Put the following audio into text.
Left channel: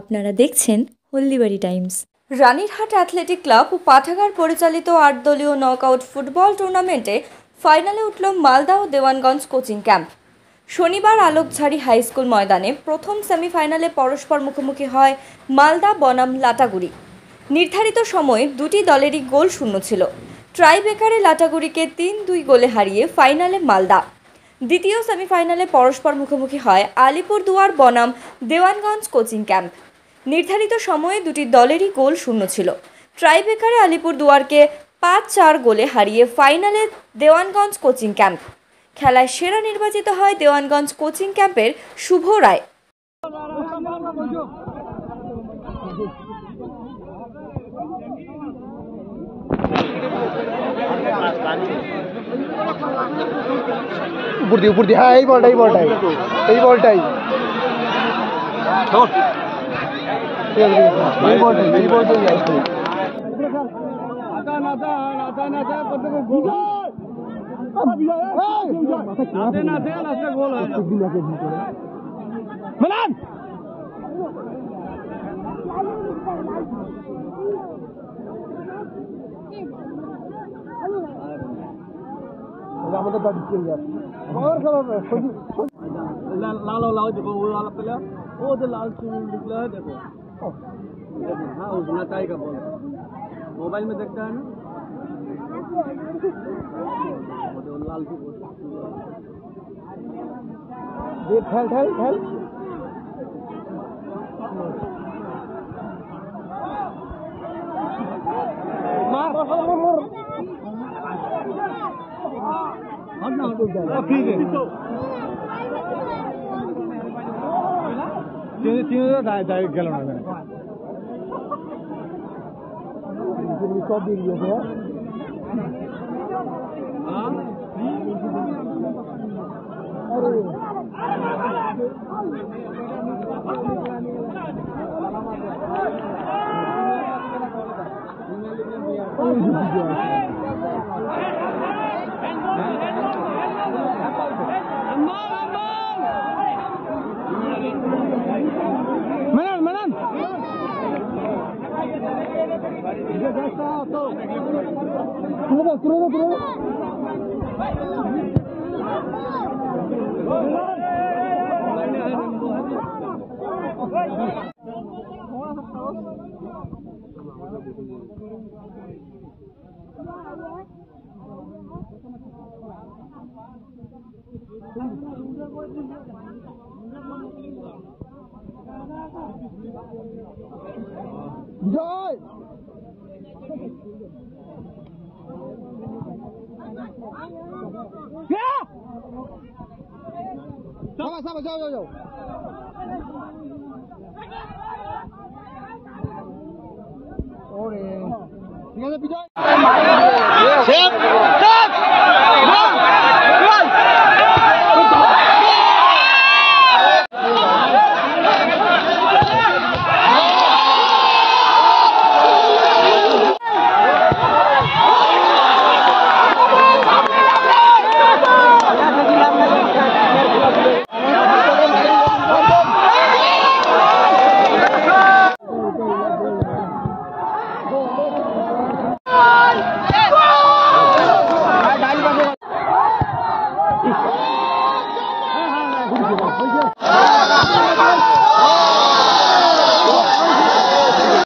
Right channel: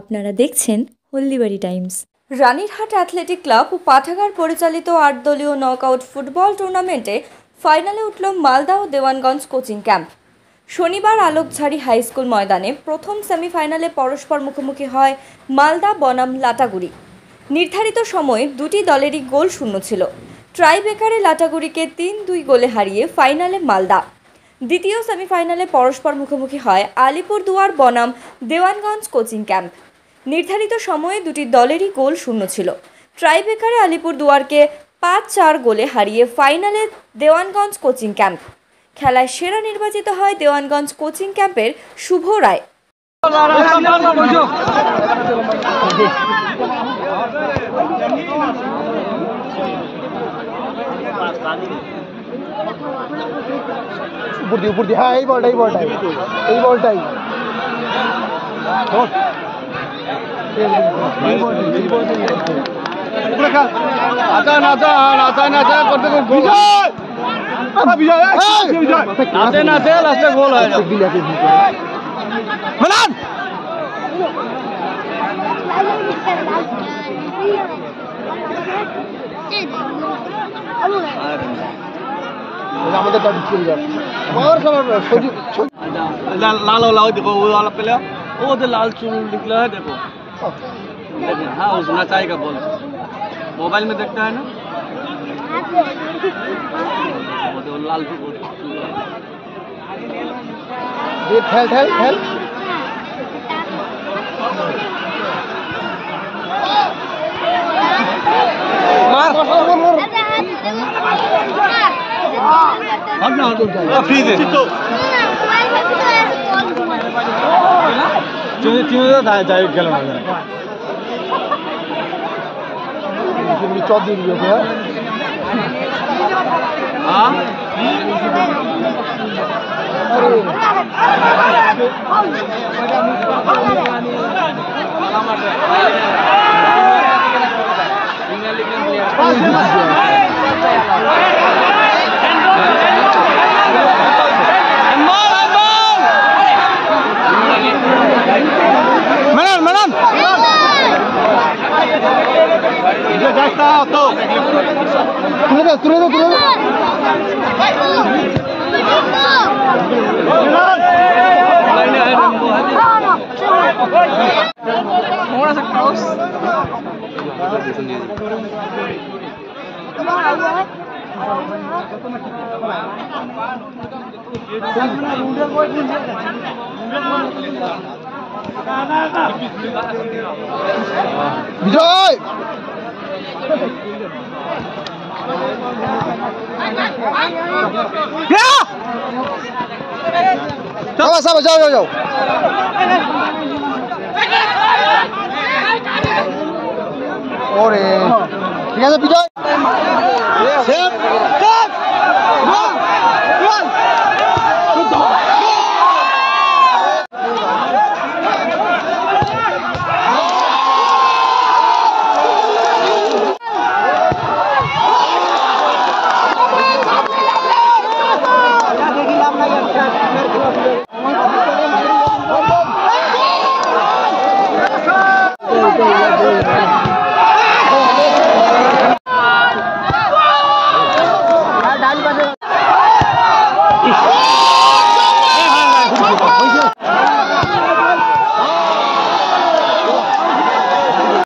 আপনারা দেখছেন Haldibari Times. Ranirhat athletic club ও পাঠাগার পরিচালিত 8 দলীয় নকআউট ফুটবল টুর্নামেন্টে ফাইনালে উঠল মালদা ও দেওয়ানগঞ্জ কোচিং ক্যাম্প। শনিবার আলোকঝাড়ি হাই স্কুল ময়দানে প্রথম সেমিফাইনালে পরস্পর মুখোমুখি হয় মালদা বনাম লাটাগুড়ি। নির্ধারিত সময়ে দুটি দলেরই গোল শূন্য ছিল। ট্রাইবেকারে লাটাগুড়িকে 3-2 গোলে হারিয়ে ফাইনালে মালদা। দ্বিতীয় সেমিফাইনালে পরস্পর মুখোমুখি হয় আলিপুরদুয়ার বনাম দেওয়ানগঞ্জ কোচিং ক্যাম্প। নির্ধারিত সময়ে দুটি দলেরই গোল শূন্য ছিল। ট্রাইবেকারে আলিপুরদুয়ারকে 5-4 গোলে হারিয়ে ফাইনালে দেওয়ানগঞ্জ কোচিং ক্যাম্প। খেলায় সেরা নির্বাচিত হয় দেওয়ানগঞ্জ কোচিং ক্যাম্পের শুভ রায়। ऊपर दी हाँ यही बॉलटाई আমাদের দাবি চলে যাচ্ছে और सब लाल वाला देखो वो वाला पहले वो तो लाल चूल निकला है देखो हाँ उसना चाहेगा बोल मोबाइल में देखता है ना वो तो लाल ये ठहल मार फ्री दे जाए गल चौथ दिन है मैडम तुले दो विजय सब जाओ और ठीक है विजय